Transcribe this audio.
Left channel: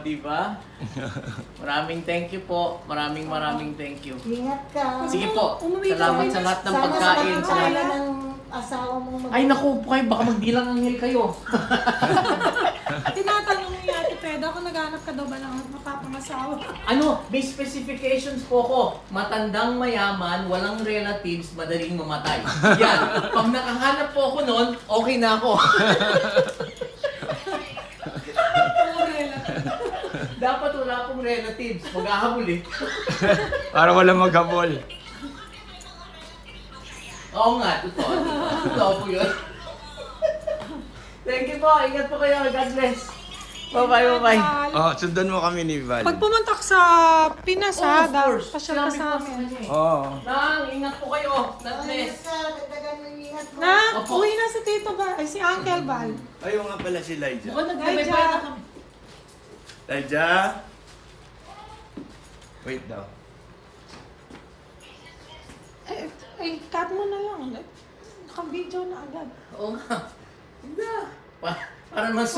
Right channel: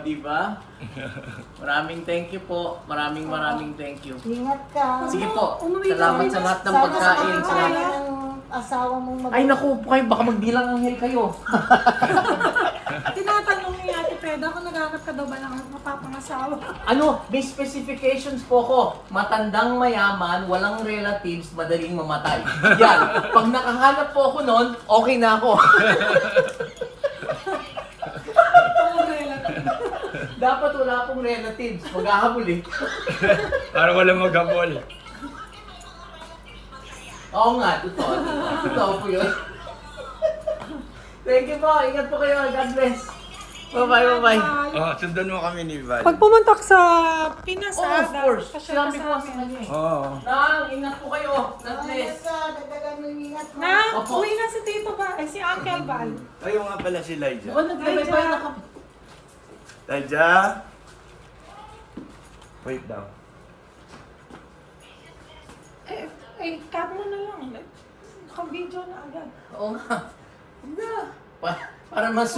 diba? Maraming thank you po. Maraming thank you. Ingat ka. Sige po. Umuwi ka Salamat rin. sa lahat ng Sana pagkain. sa Salamat. kaya ng asawa mo Ay naku po kayo, baka magdilang anghel kayo. Tinatanong ni Ate Peda kung naghanap ka daw ba ng mapapangasawa. Ano, may specifications po ko. Matandang mayaman, walang relatives, madaling mamatay. Yan. Pag nakahanap po ako noon, okay na ako. Dapat wala pong relatives. Maghahabol eh. Para walang maghabol. Oo nga, totoo. Totoo po yun. Thank you po. Ingat po kayo. God bless. Bye-bye, bye-bye. Oh, sundan mo kami ni Val. Pag pumunta ka sa Pinas, Oh, of course. Pasyal ka Sinabi ko nga sa sa kanya eh. Oo. Nang, ingat po kayo. God bless. Ingat ka, dagdagan mo yung ingat mo. Na, Opo. uwi na si Tito ba? Eh, si Uncle Val. Ayun nga pala si Lyja. Diba nagbabay na kami? Lyja? Wait daw. Cut mo na lang. Naka-video na agad. Oo nga. Para mas